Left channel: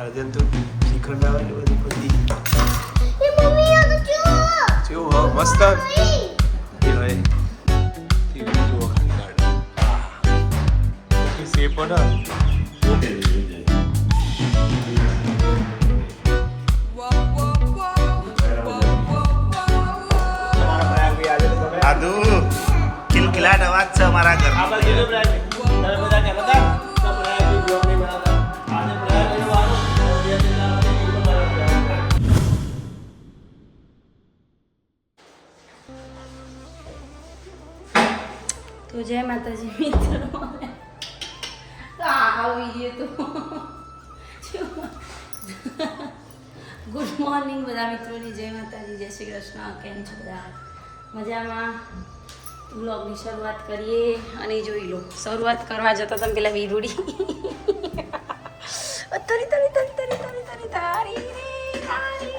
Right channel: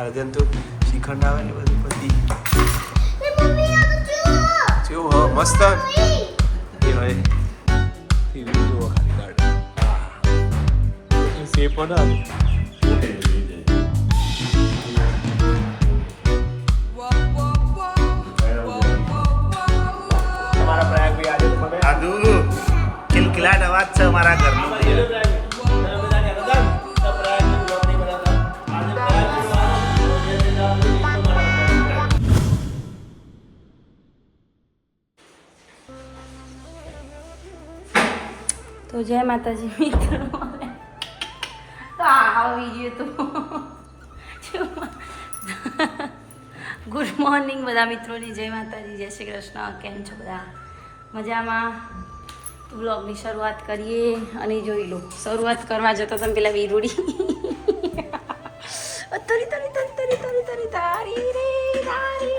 અર્જન તો શ્રીખંડ આવે એટલે બધું પતી જો હો મસ્ત એ હોય ટીવી જો ખાલી ગાર્ડન હા એટલી સેફ પડે આદુ કિલકિલાટ અવાજ છે અમારા ઘરનો ભૈયા તો જય માતાજી મિત્રો આવી ગયો તો ગુડ મોર્નિંગ બધા મિત્રોની જય માતાજી જય શ્રી કૃષ્ણ કેમ છો બધા મજામાં વ્લોગની શરૂઆત કરીએ અને જોઈ લો શરૂઆત કરવા જતો તમે પેલા વીરુડી તરી તરી તરી તરી તરી તરી તારી રે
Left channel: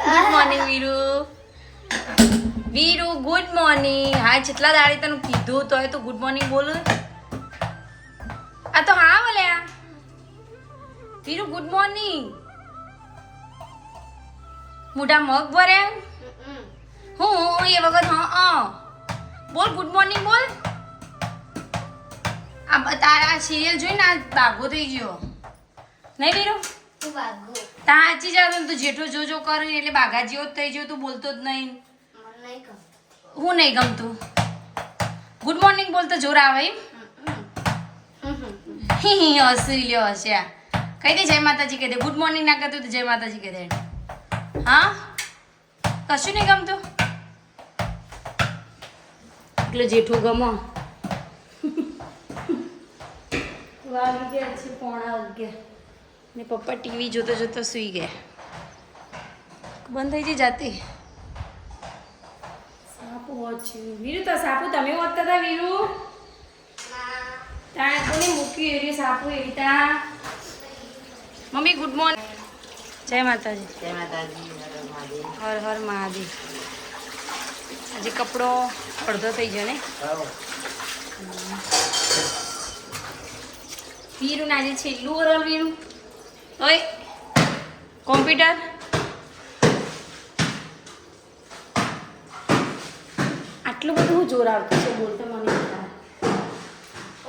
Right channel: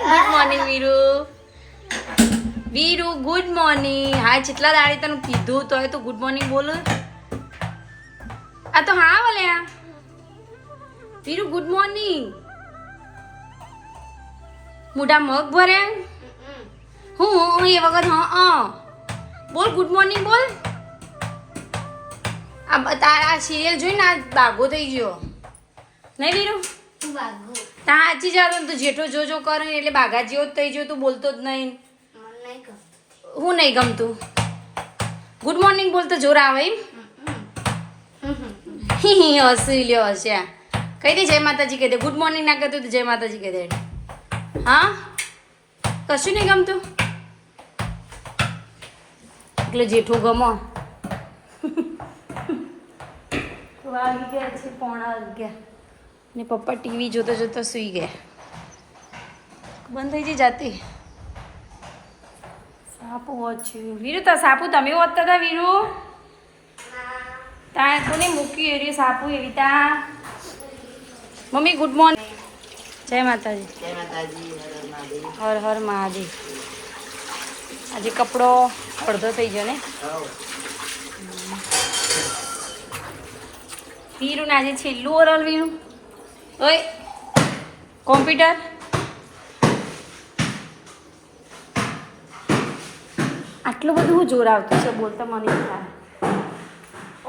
good morning Viru Viru good morning હા જેટલા દાડે તને કીધું તોય તો ગુડ મોર્નિંગ બોલું આ તો હા બોલ્યા વીરુ ગુડ મોર્નિંગ મોટા મગ ભર્યા હું એ વખત હા બોલ ગુડ મોર્નિંગ બોલ આ તારા સિરિયલ જોઈને આ બાગો થઈ ગયો નહીં વીરુ તા સાચી જાતો તું જેઠો જોજો કરે એટલે બાઘા જેવો જ થઈ ગયો તું બોલતો જ નહીં હું નહીં ગમતું ગુડ મોર્નિંગ બોલતો જોર આવે એમ હસી લ્યો હસ્યા કહી દે જય માતાજી કહી દે ગુડ મોર્નિંગ ના કહેતું તો જય માતાજી કહી દે હા કશું નહીં ગમતું એટલે જેઠું ગમો તો આવી ગયા છે 11:30 ને પપ્પા ટીવી જોતા જોતા સૂઈ ગયા બંધ થઈ જઈ જાતી સાપુ વાંચ્યું વીરુ તો સાપુ તમે વાંચતા હતા વીરુ ત્યાં કોને મૂક્યું એવી સાપુ એવી ત્યાં મમ્મી ગુડ મોર્નિંગ જય માતાજી જય માતાજી હર હર મહાદેવ આજે કપડો અડધો થઈ ગયો ને વીરુ ને આજે છેલ્લું ઓરલ વીરુ ઓય કોમ્પ્યુટર આટલું બધું જોર આવતું છે બોલતો મને થાય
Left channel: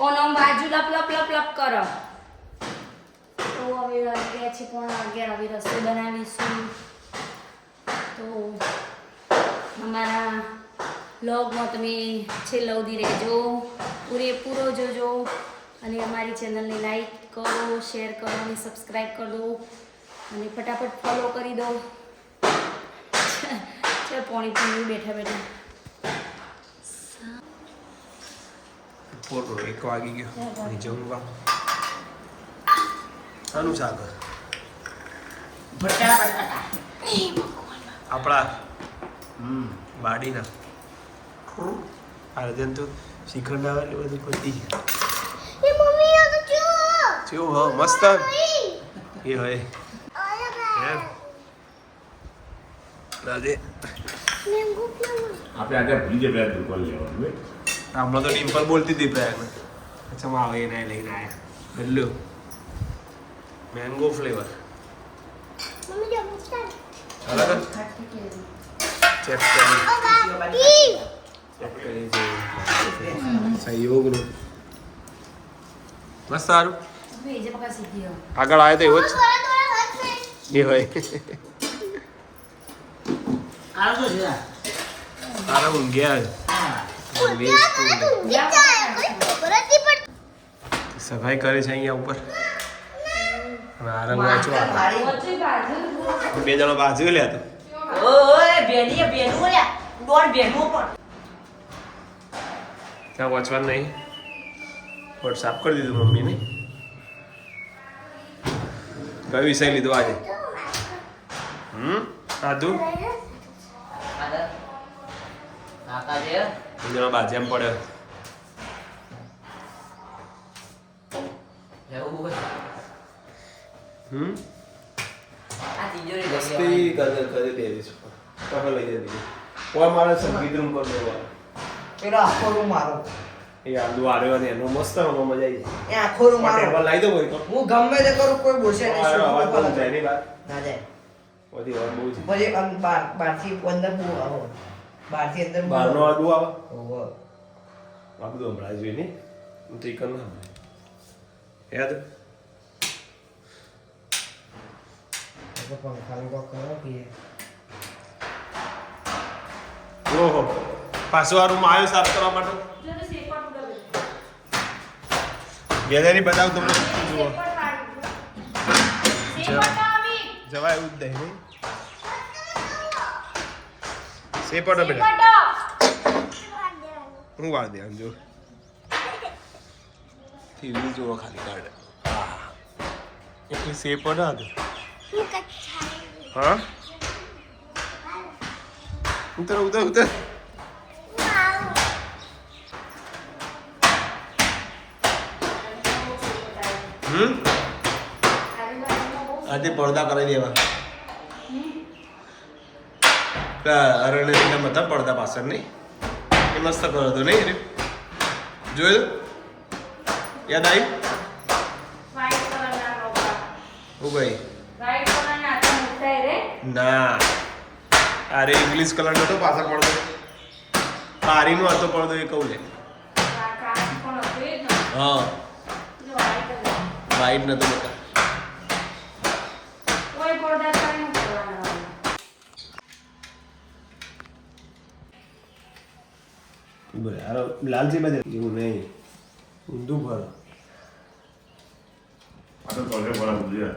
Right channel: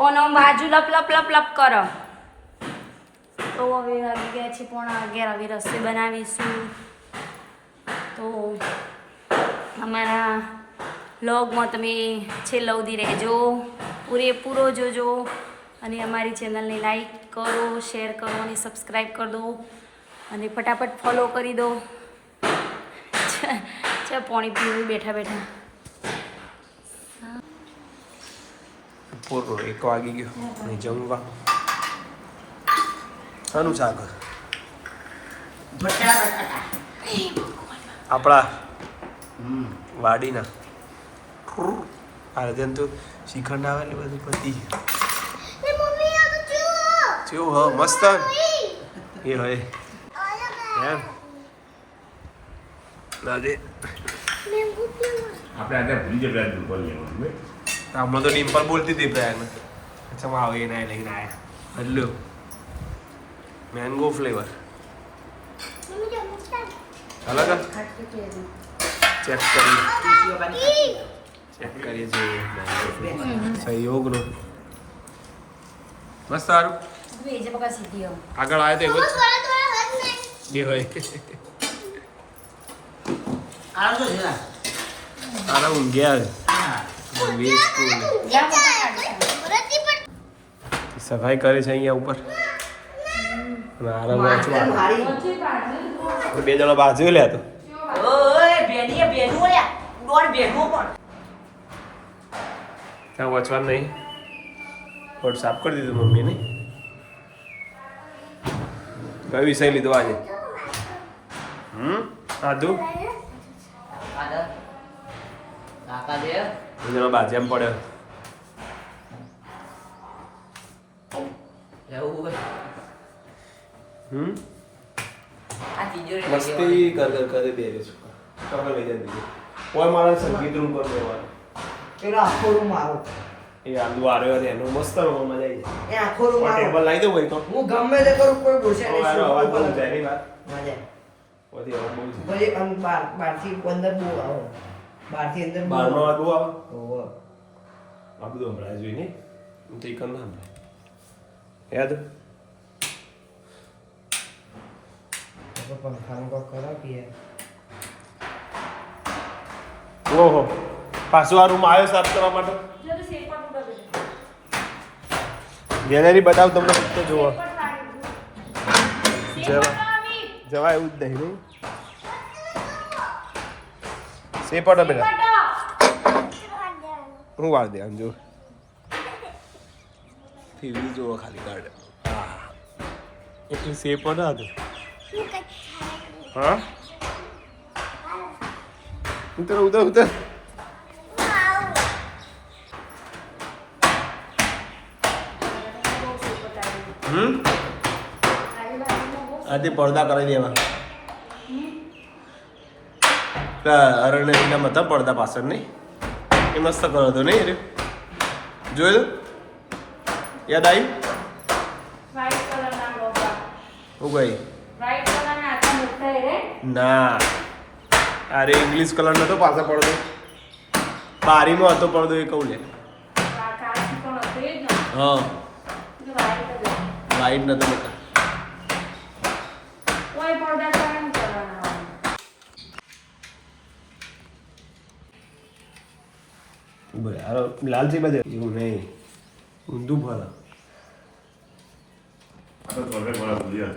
ઓનો બાજુ લપ લપ લપ લપ કરો તો હવે આવી ગયા છે 11:30 હવે રસોઈ બનાવીશું તો અમારા વ્લોગમાં તમે છેલ્લા સુધી રહેજો પૂરેપૂરો જોજો અને અમારી ચેનલને લાઈક કરો શેર કરો અને સબસ્ક્રાઈબ કરી દો અને ફટાફટ ફોલો કરી દો ચાલ પાણી પીવું બેઠા બેઠા પૂરો 1 વાગી ગયો અહીં જમવા આનું શાક આપણા વાડીના અર્જન તો શ્રીખંડ આવે એટલે બધું પતી જો હો મસ્ત એ હોય એમ રાધે આપણે આજે ભૂલી જાય ડિમ્પલ લેવાનું હમણાં તો ડિમ્પલ બોલતી હતી પ્રયાગને અચ્છા હું આવે એના લઈને આવ્યા બદલ્યો મેંગો ફ્લેવર અલગ ચેક કરીએ સહયોગનો મસ્ત સારું આગળ આવે તો એવો જ હોય તારા ઊંઘ્યા સફાઈ કરે છે અહીંયા ઉપર આરામ વાંચવા બે જણા બાજુ લે તો ત્યાં વાંચવાનું નહીં વોટ સાફ કરી દીધું મમ્મીને કયો વિષય લીધો આજે આદુ જણા બાજુ એમ પડ્યો મસ્તી કરી દે તમે લઈ જાય કોઈ મારે સંગીત રૂમ પર બેવાનું પેલો આખો રૂમ મારો એ આલુ આર્યો ને એનું મસ્ત રમવા મજા આવી જાય. એ આખો રૂમ ટેબલ લાવી દઉં હોય તો હું ગમે તે કરું કોઈ બોલશે નહીં. અવાજ બહુ જાય નહીં બાર ના જાય. બધી અવાજ બહુ જાય. પછી આમ બહારથી અંદર બહુ આવો. બહારથી અંદર બહુ બહારનો અવાજ બહુ આવે ઓહો. આ બધું હમણાં જોઈએ નહીં હું તો એક ના હમણાં યાદ તો પંખાનો કોક કરો કે ઓહો પાછું આ રૂમ આવ્યો સાફ કરવા માટે ગેલેરી બતાવ તમને જુઓ જવાય એવું જ નહીં સેપટો બેટા હું વાર દે આમ જો ટીવી જુઓ ખાલી ગાર્ડન હા એટલી સેપટ હતું હા ઉતર ઉતર ઉતર આજે પડદા કરી દેવા અરણ્યના મતા પડદા પાછળ નહીં એ મસ્ત કરો હતો નહીં રે જોયું યાદ આવી હું ગઈ ના અરે ઇંગ્લિશ કલર નતો પાછળ પડદો બારીનો હતો પડદો એ કહું લે હા વાઈટ નતો બકા લાલજી બાજુ એવું નહીં ઊંધું ભર આ તો ઘરે ભરા બધું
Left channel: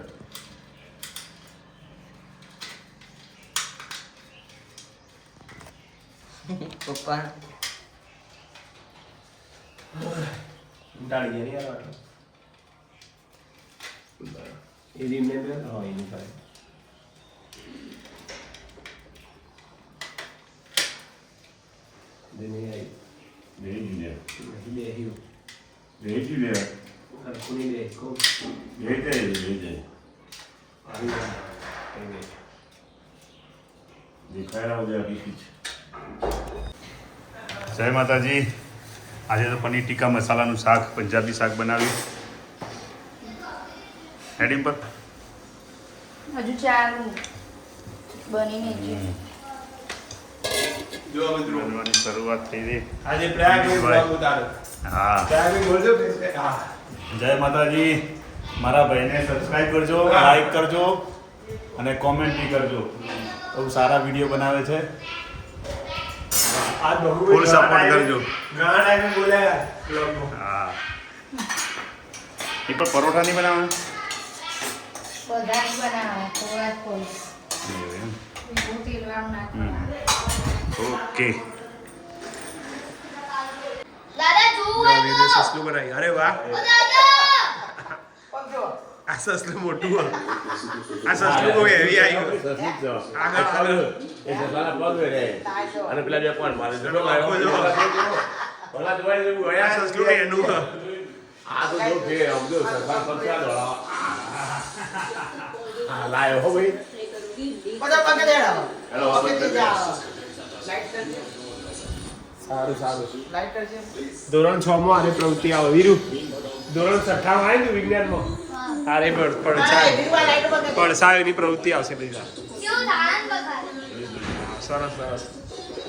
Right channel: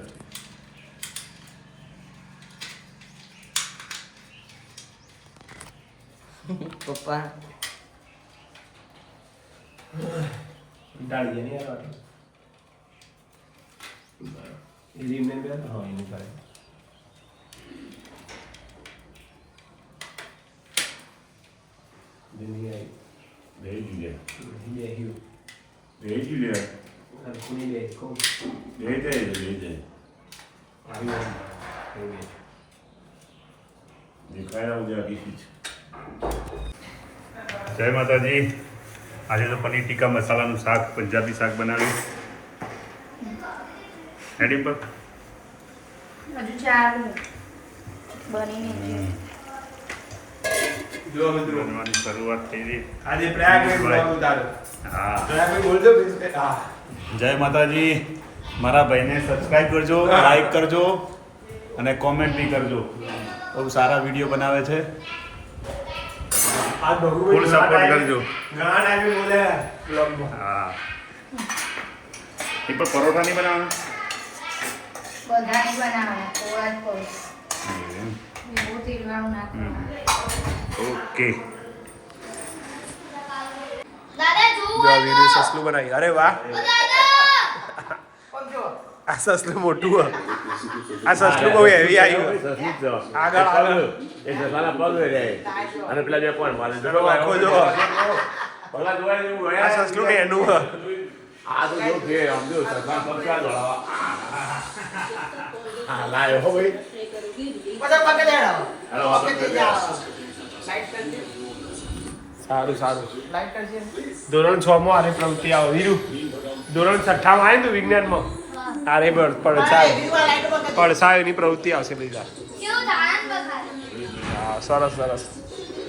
પપ્પા ડાળી ગયા નહીં યાર આટલો એ રીમને બે હા એની કરે જેને આવી દેજી દે બે હિયો દેજી દે ખૂની દે કોમ દેજે દેજે આવી ગઈ દેખાય આવું દે આખી જય માતાજી આજે તો પનીર ટીકા મસાલાનું શાક પંજાબી શાક બનાવ્યું હેડિંગ પર હજુ 4 બની નહીં જો મિત્રો બનવાની શરૂઆત થઈ રહી આજે પ્રયાગ મે બ્લોગ ઉતારો હા પ્રયાગ મે બોલજો હા જય માતાજી મારા ભાઈને સબસ્ક્રાઇબ કરજો લાઈક કરજો અને કોમેન્ટ બી કરજો બહુ સારા વિડીયો બનાવે છે આ ડોગુ ફૂલ સપોર્ટ કરજો ઘણા ટાઈમે બોલ્યા બ્લોગ માં હા એ પણ પરોઠા નહીં બનાવવાના બધા નહીં બનાવવાના થોડા જ કોઈ એમ. એવું તેલવાળું નાખવાનું ઓકે જો આ વીરે સસલું બનાવી અરે વાહ આ સસલું મોટું હે. આ સસલું બહુ હેવી આવ્યું આગળ આગળ ચલો આખો જો આ સસલું ને એનું હે. હા લાયો હો ભાઈ બધા પગે ચડાવો પગે ચડાવો સારું સારું લાઈટર છે ધોરણ 6 માં આની પ્રવૃત્તિ આવે વીરુ ધોરણ 6 માં આવે ને વિજ્ઞાનમાં આરે પડછાયો એની પ્રવૃત્તિ આવશે બધા કેવું ધાન બગાડ હા સરસ સરસ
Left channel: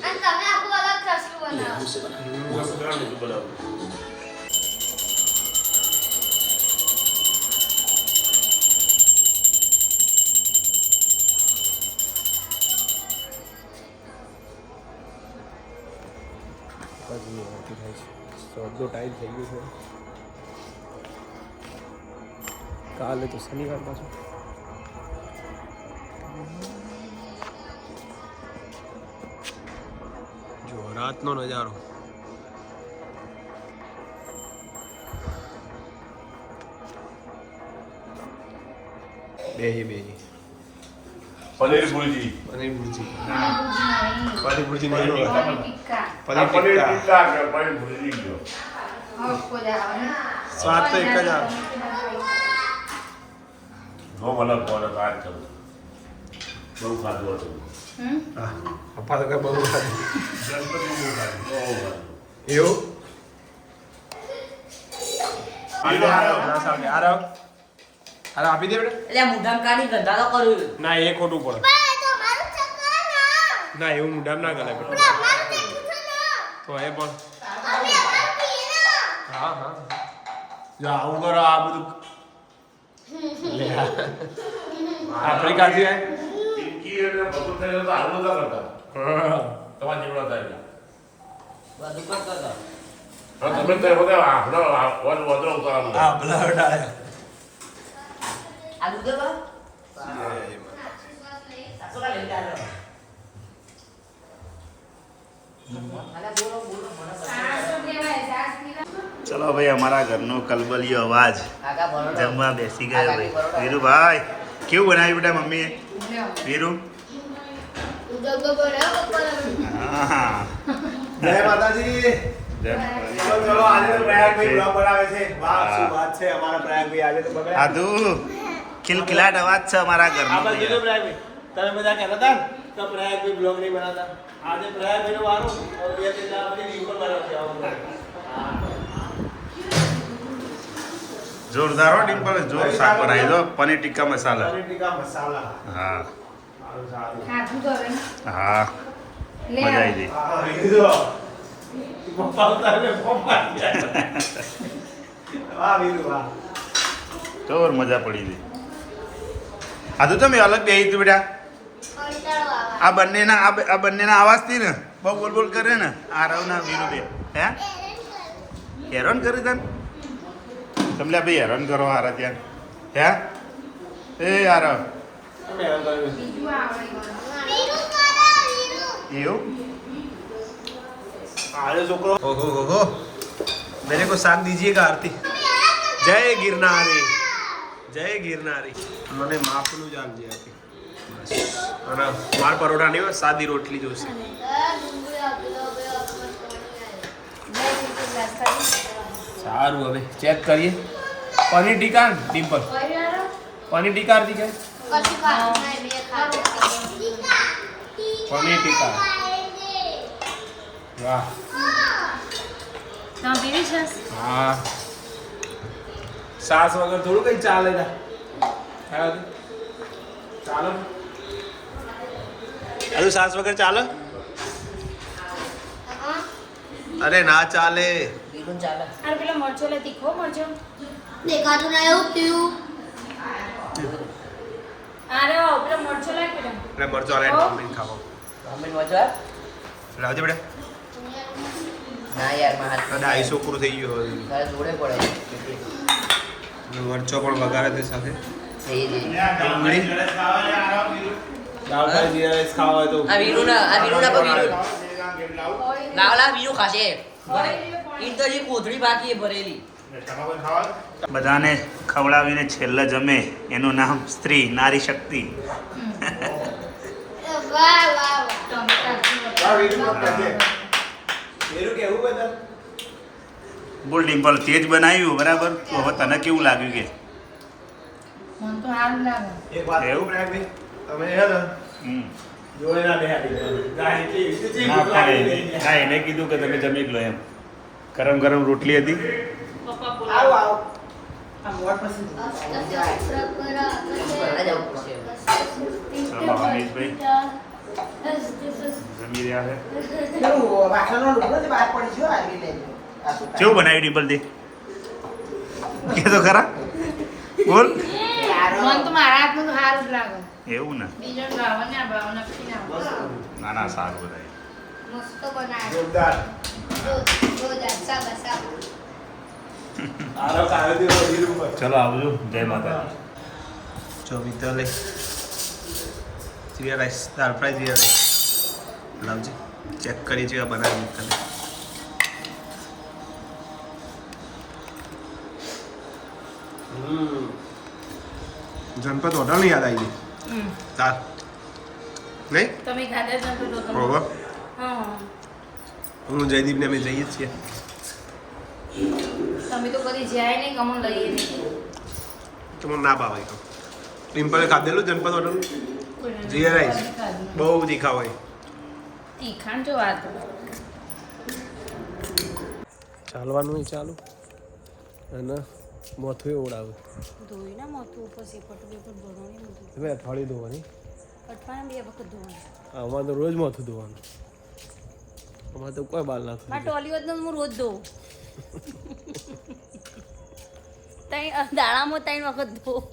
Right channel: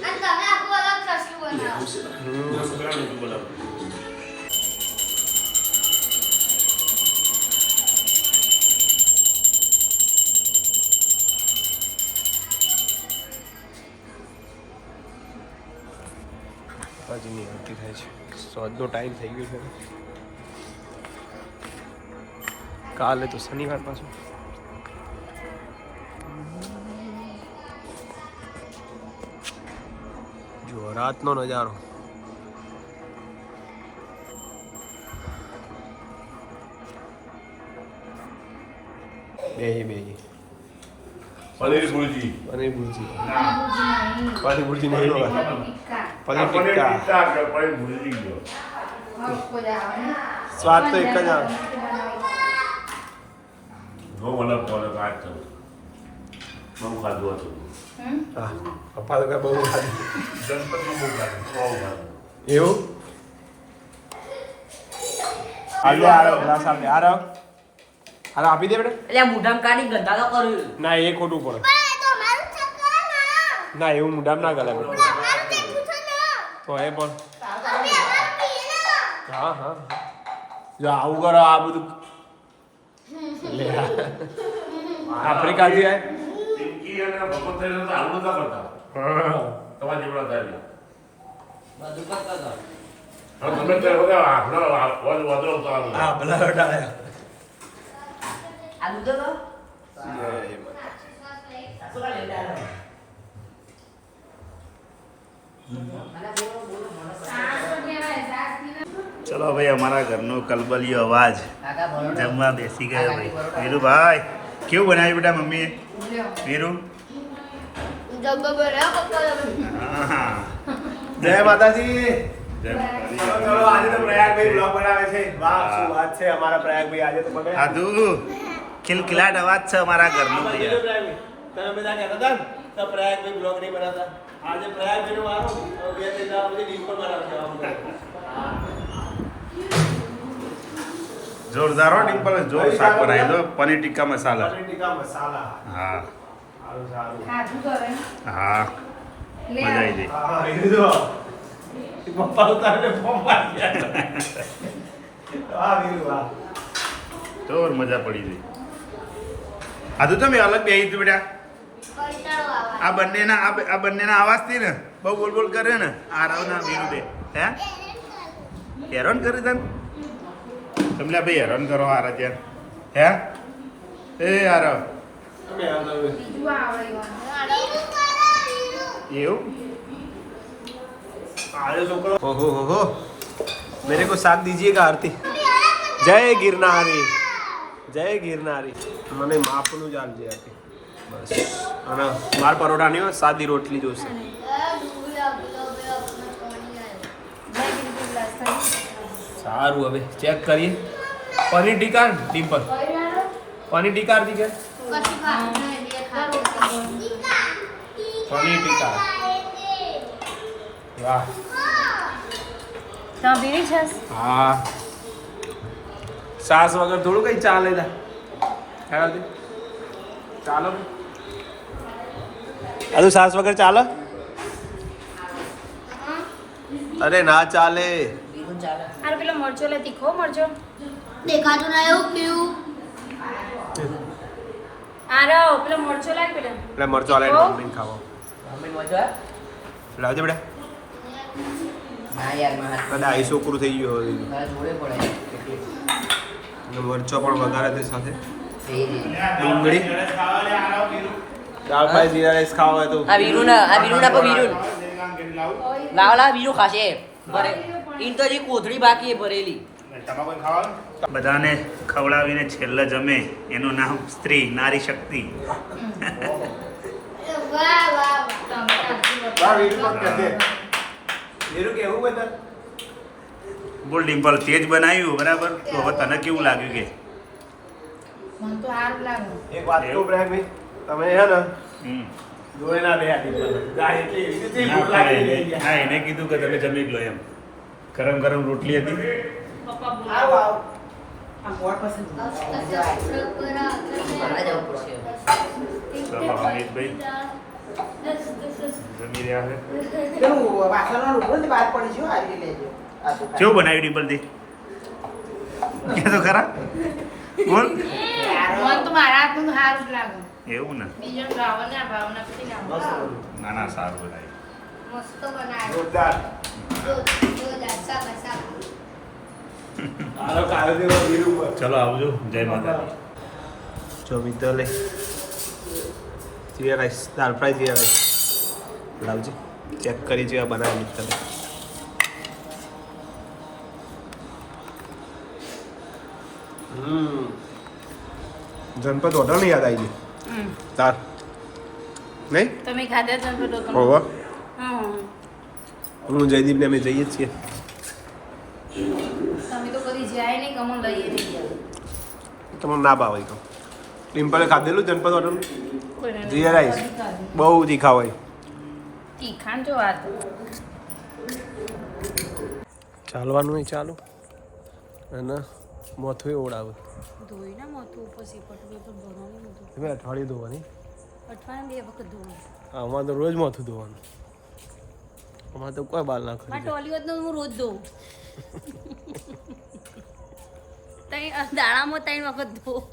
અને તમે આખું અલગ કશું બનાવો બાજુની આરતી થાય છે સોદનો ટાઈમ થઈ ગયો છે કાલે તો શનિવાર પાછું જો રાતનો નજારો બેહી પનીર ભુરજી પનીર ભુરજી ના પનીર ભુરજી નહીં હોगा પનીર પનીર ટિક્કા ટિક્કા કે પનીર ભુરજી જો સ્વાદ તો એક જ આવે બહુ મતલબ તમારે વાત કરું બહુ ખાધું હતું હા પપ્પા તો કે બહુ ખાધું ગણપતિ બહુ ખાધું બહુ ખાધું એવું હાલ આરો ગ્લાસ આલ દે આરો હાલો આપી દે બેટા એટલે મોઢામાં કાઢી ગંધા તો કર્યું ના એ ખોટું પડે ના એવું મુડામ ના ગલે તો એ પણ હા હા જો આવું કરો આ બધું લે આફ્રિકાથી આય પિંકી અને ભગવંતભાઈ તો આવું બધા કરતા તમારા જેવડા થાય બધું કરતા હા તમે તો બધા આપણો વધરો ઉતારવાનું હા ભલા ડાળે આ દૂધ તો ચલો ભાઈ અમારા ઘરનો કલબલિયો અવાજ જમવા બેસી ગયો ભાઈ વીરુભાઈ કેવું બનાવ્યું બેટા મમ્મીએ વીરુ હા જય માતાજી ચલો આજે તો પ્રયાગભાઈ બ્લોગ બનાવે છે વાહ શું વાત છે અમારા પ્રયાગભાઈ આજે તો મને આદુ ખિલખિલાટ અવાજ છે અમારા ઘરનો ભૈયા તમે બધા કહેતા હતા કે પ્રયાગભાઈ બ્લોગ નહીં બનાવતા આજે પ્રયાગભાઈ નો વારો બે ત્રણ આ બધી ડિમ્પલ બનાવશે જોરદાર હો ડિમ્પલ જોર શાક બનાવી દો પનીર ટિક્કા મસાલા પનીર ટીકા મસાલા હા સારું સારું ખાધું તો હવે હા મજા આવી ગઈ હા એ તો પપ્પા ઉતારે ફોર્મ મારી ગયા વાહ વીરુ વાહ જોર મજા પડી ગઈ આદુ તમે અલગ બેહી તું બેટા આ બંનેના અવાજથી ને બહુ બોલ બોલ કરે ને આરવના વીરુ બે હે હેરાન કરી તને તમને ભાઈ હેરાન કરો હારા ત્યાં હે એ આરવ બીજું આવડે એવું आज छोकरो ओहो हो हो मेरे को साथ दीजिएगा आरती जय गिरनारी जय गिरनारी મને માપનું જ આપજે આરતી બસ અને માર પરોઠા નહીં હોય સાદી રોટલી જોશે સારું હવે ચેક કરીએ પનીર ટીકા ડિમ્પલ પનીર ટીકા આરતી કે પનીર ટીકા વાહ તમે પીવી છે હા સાસ વગર થોડું કઈ ચાલે તા ખાવા ચાલો અરે સાસ વગર ચાલે અરે ના ચાલે બીજું ચાલે અરે પેલો મરચો લે તીખો મરચો દેખાતું ના એવું પીવું આરો પેલો મરચો લે કે એટલે મરચો આલે મમ્મીને ખાવા મમ્મી મજા લાવજે બેટા ના યાર ના કદાચ છોકરું થઈ ગયો હોય. તારે જોડે પડે અને મરચો પણ વઘારે તે સાથે થઈ જઈ ડુંગળી દાળ ફ્રાય જીરા રાઈસ ખાવા હોય તો આ વીરુ ના વીરુ લાવ લાવ વીરુ ખાશે ઈ તો જે કોથળી બાકી એ ભરેલી બધાને ખવડાવીને છેલ્લે જમે એનું નામ સ્ત્રી નારી શક્તિ વાહ વાહ બોલ ડિમ્પલ તેજ બનાવ્યું બરાબર તો હવે તને કેવું લાગ્યું કે મને તો સારું લાગે એક વાત કહું પ્રયાગભાઈ તમે હે ને હમ. જોડે ના બે આપી દો ના એને કીધું કે તમે જમી જ લો એમ ગરમ ગરમ રોટલી હતી ચલો હમીદભાઈ જમી રહ્યા છે કેવું બનાવ્યું ડિમ્પલ દી કે તો ખરા બોલ મને તો મારા હાથનું સારું જ લાગે એવું ને બીજો ભાવના પછી ના ના ના સારું બનાવ્યું મસ્ત બનાવ્યો જોરદાર જોરદાર સાબા સાબા આરો કાયો દેવો વીરુ પર ચલો આવજો જય માતાજી જો મિત્તલે જીરા રાઈસ દાળ ફ્રાય જીરા રાઈસ લાવજી ચેક કરી જેવા બનાવે મિત્તલે જનપદ હોટલ ની યાદ આવી ગઈ તાર નહીં તમે ખાધા છો તો તમે હોવા હા હું જયદીપ ને અમે જઈએ જ છીએ તમે તો કદી જાય નહીં કમન લઈએ નહીં ગયા તમને ના ભાવે તો ટિમ્પલે ખાધેલું જનપદ હોટલ કોઈને જીરા રાઈસ કદી ખાધું. બહુ તીખા હોય તીખાન જો વાત ચાલવાનું નહીં ચાલો અને મોથું ઓળાવે ધોઈ ના મોતું ઉપર સેપટ પેપર ભરવાની બધું તમે અઠવાડિયે ધોવાની અઠવાડિયામાં 2 વખત ધોવાનું અમારે તો રોજ મોથું ધોવાનું અમારે તો કોઈ બાલ ના મારે ટોલી હોત હું રોજ ધોઉં દાડામાં 3 વખત ધોઉં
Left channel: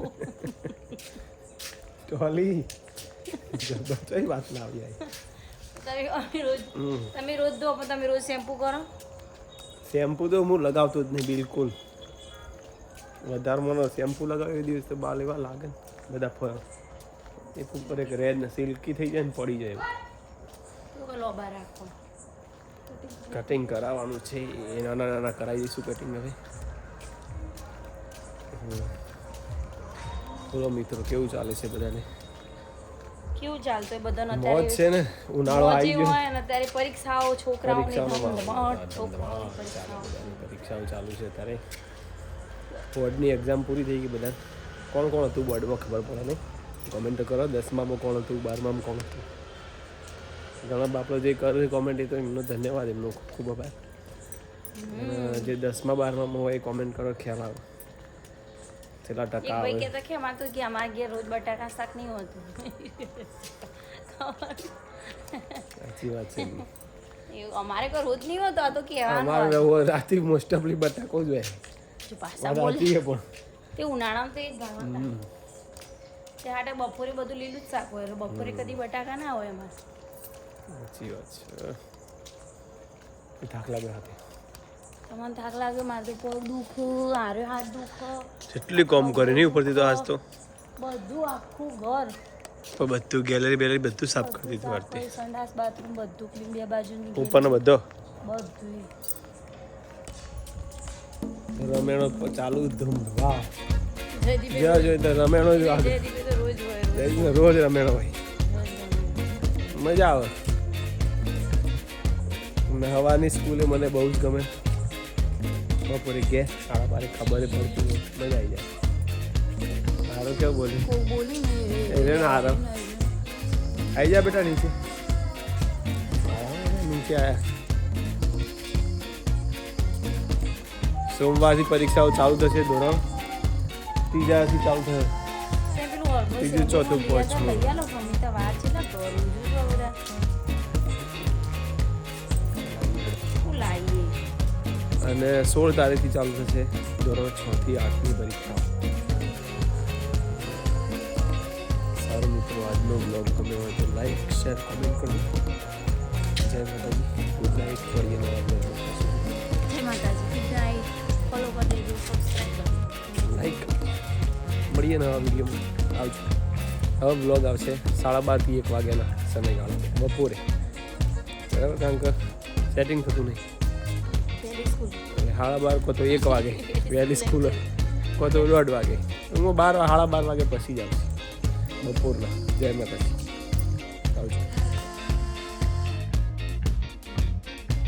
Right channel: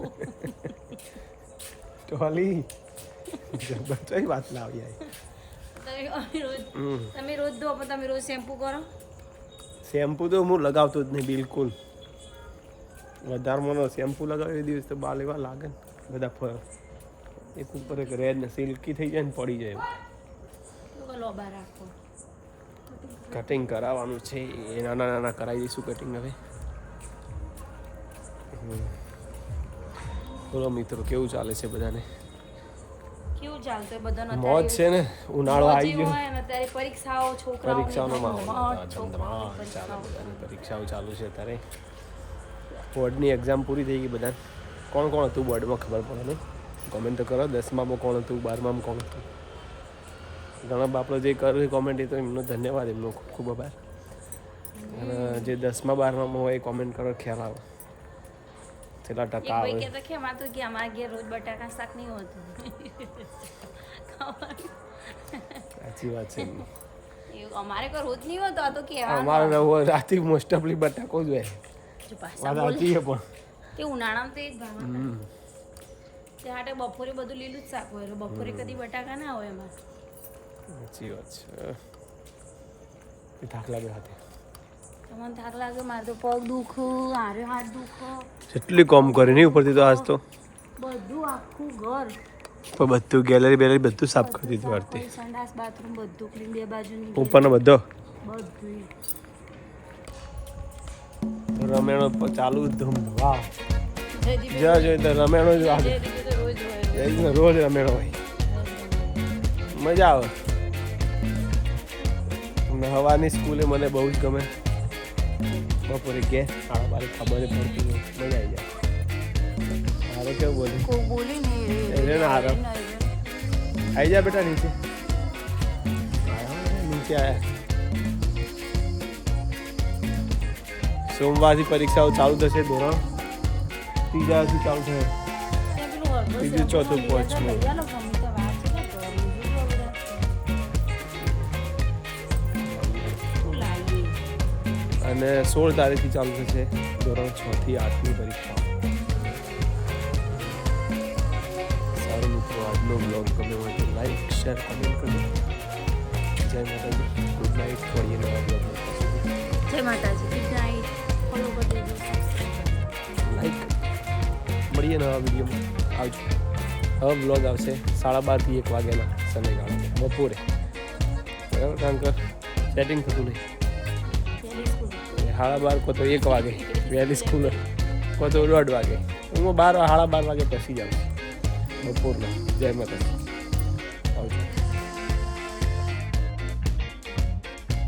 ટોલી જબરજસ્ત વાત લાવી આવી તમે રોજ ધો પણ તમે રોજ શેમ્પુ કરો શેમ્પુ તો હું લગાવતો જ નહીં બિલકુલ વધારે મને શેમ્પુ લગાવ્યો એ દિવસ તો બાલ એવા લાગે ને બધા એક ઉપર એક રેડ ને સિલ્કી થઈ જાય ને પડી જાય એવું લોબા રાખો કટિંગ કરાવવાનું છે એ નાના નાના કરાવી દઈશું કટિંગ હવે બોલો મિત્રો કેવું ચાલે છે બધાને કેવું ચાલતું બધાને મોજ છે ને ઉનાળો આવી ગયો અત્યારે પરીક્ષાઓ છોકરાઓ પરીક્ષાઓનો માહોલ ચાલે બધાની પરીક્ષાઓ ચાલુ છે અત્યારે બોર્ડની એક્ઝામ પૂરી થઈ ગઈ બધા કોણ કોણ હતું બોર્ડમાં ખબર પડે નહીં કોમેન્ટ તો કરો 10મામાં કોણ હતું 12મામાં કોણ હતું ઘણા બાપડો જે કરે કોમેન્ટ એ તો એમનો ધન્યવાદ એમનો ખૂબ ખૂબ આભાર અને જે 10મા 12મામાં હોય એ કોમેન્ટ કરો ખ્યાલ આવે કેટલા ટકા આવે કે તો કે માત્ર કે અમાર ઘેર રોજ બટાકા શાક નહીં હોતું સાચી વાત છે અમારે કોઈ રોજ નહીં હોતો આ તો કે અમારે રાતે મોસ્ટ ઓફલી બટાકો જ હોય વાત સાચી છે પણ તે ઉનાળામાં તો એક ઘરમાં તે હાટે બપોરે બધું લીલું જ શાક હોય બપોરે કદી બટાકા ના હોય એમાં સાચી વાત છે થાક લાગે હાથે તમને થાક લાગે મારે તો પગ દુખ હારે હાથ દુખ જેટલી કામ કરી નહીં ઉપરથી તો આજ તો બધું આખું ઘર પણ બધું ગેલેરી બેલેરી બધું સાફ કરી દીધું આરતી સંડાસ બાથરૂમ બધું ક્લીન બે બાજુની ઉપરનો બધો બધું રમેણો ચાલુ ધૂમ વાહ જયદીપ જ્યાં જોઈએ તો રમેણો જ વાગે જયદીપ તો રોજ હોય રોજ રમેણો હોય મજા આવે અને હવાની સ્કૂલે મને બહુ જ ગમે બપોરે ઘેર 12:30 ખબર પડતી હોય મજા આવી જાય હારો કેવું બોલે એને ના હારો આવી જા બેટા નીચે નીચે આયા સોમવારથી પરીક્ષાઓ ચાલુ થશે ધોરણ 3થી ચાલુ થશે ત્રીજું ચોથું પાંચમું અને 16 તારીખથી ચાલુ થશે ધોરણ 6થી 8ની પરીક્ષા સારું મિત્રો આજનો બ્લોગ ગમે હોય તો લાઈક શેર કોમેન્ટ કરજો જય માતાજી ગુડ નાઇટ મળીએ નવા બ્લોગમાં જય માતાજી ગુડ નાઇટ ફોલો કરી દેજો સબસ્ક્રાઇબ કરી દેજો લાઈક મળીએ નવા વિડીયોમાં આવજો હવે બ્લોગ આવશે 12:30 થી 1 વાગ્યાના સમયગાળામાં બપોરે બરાબર કારણ કે સેટિંગ થતું નહીં 12:30 કો તો 1 વાગે વહેલી સ્કૂલ કો તો 1:30 વાગે હું 12 સાડા 12 વાગે પછી જાઉં બપોરના જય માતાજી આવજો